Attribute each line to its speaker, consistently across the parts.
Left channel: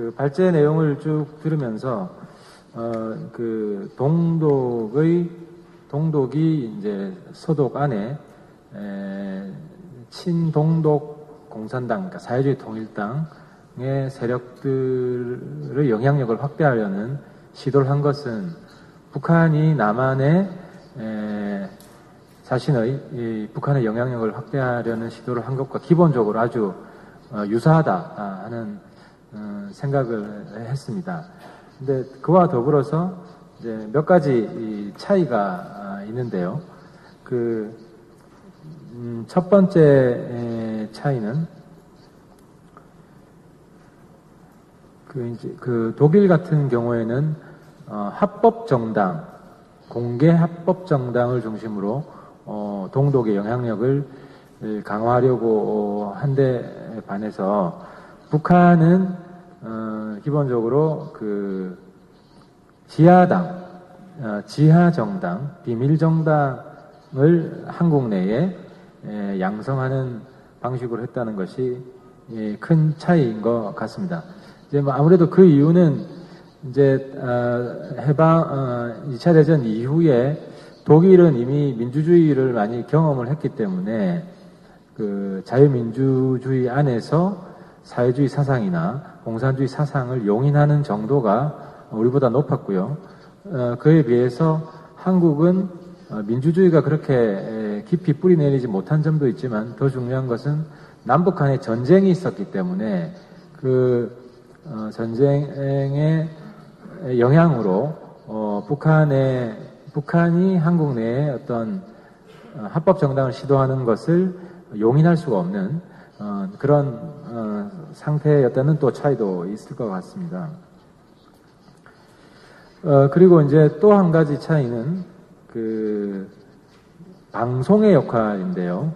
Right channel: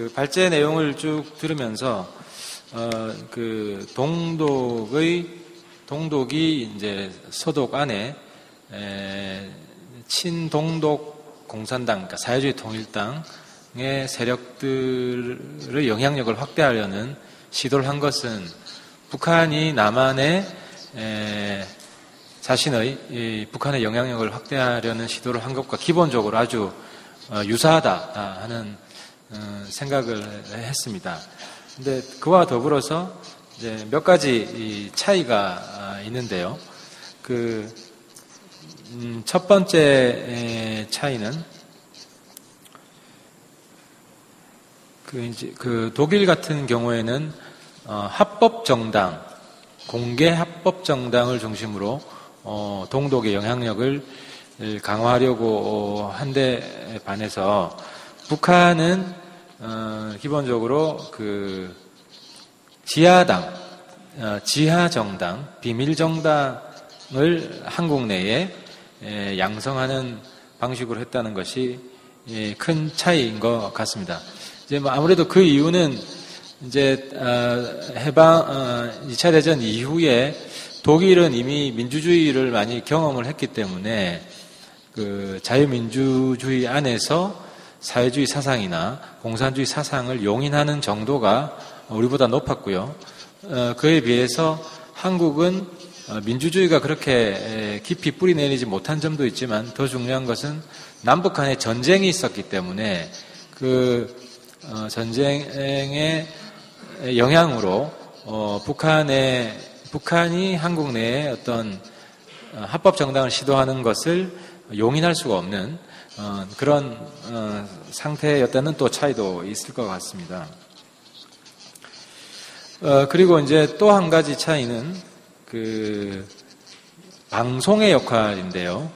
Speaker 1: 그 발제 내용을 쭉 들으면서 어, 그 동독의 동독이 이제 서독 안에 에, 친동독 공산당, 그러니까 사회주의 통일당의 세력들의 영향력을 확대하려는 시도를 한 것은 북한이 남한에 에, 자신의 이 북한의 영향력을 확대하려는 시도를 한 것과 기본적으로 아주 어, 유사하다 하는 어, 생각을 했습니다. 근데 그와 더불어서 이제 몇 가지 이 차이가 아, 있는데요. 그, 음, 첫 번째 차이는 그 이제 그 독일 같은 경우에는 어, 합법 정당, 공개 합법 정당을 중심으로 어, 동독의 영향력을 강화하려고 한 데 반해서 북한은 어, 기본적으로 그 지하당, 어, 지하정당, 비밀정당을 한국 내에 에, 양성하는 방식으로 했다는 것이 예, 큰 차이인 것 같습니다. 이제 뭐 아무래도 그 이유는 이제 어, 해방 어, 2차 대전 이후에 독일은 이미 민주주의를 많이 경험을 했기 때문에 그 자유민주주의 안에서 사회주의 사상이나 공산주의 사상을 용인하는 정도가 우리보다 높았고요. 어, 그에 비해서 한국은 어, 민주주의가 그렇게 깊이 뿌리 내리지 못한 점도 있지만 더 중요한 것은 남북 간에 전쟁이 있었기 때문에 그 어, 전쟁의 영향으로 북한의 북한이 한국 내에 어떤 합법 정당을 시도하는 것을 용인할 수가 없는 그런 상태였다는 또 차이도 있을 것 같습니다. 어, 그리고 이제 또 한 가지 차이는 그 방송의 역할인데요.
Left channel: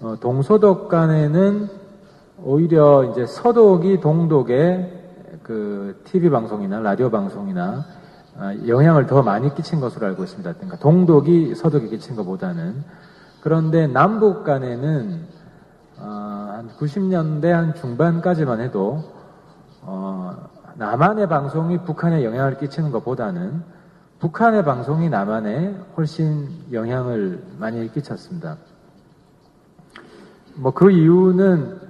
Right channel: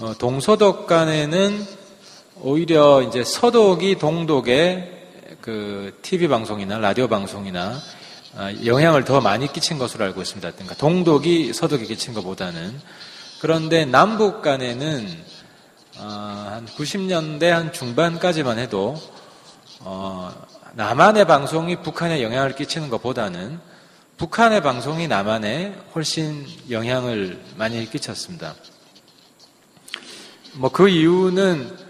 Speaker 1: 어, 동서독 간에는 오히려 이제 서독이 동독의 그 TV 방송이나 라디오 방송이나 아, 영향을 더 많이 끼친 것으로 알고 있습니다. 그러니까 동독이 서독이 끼친 것보다는 그런데 남북 간에는 어, 한 90년대 한 중반까지만 해도 어, 남한의 방송이 북한에 영향을 끼치는 것보다는 북한의 방송이 남한에 훨씬 영향을 많이 끼쳤습니다. 뭐 그 이유는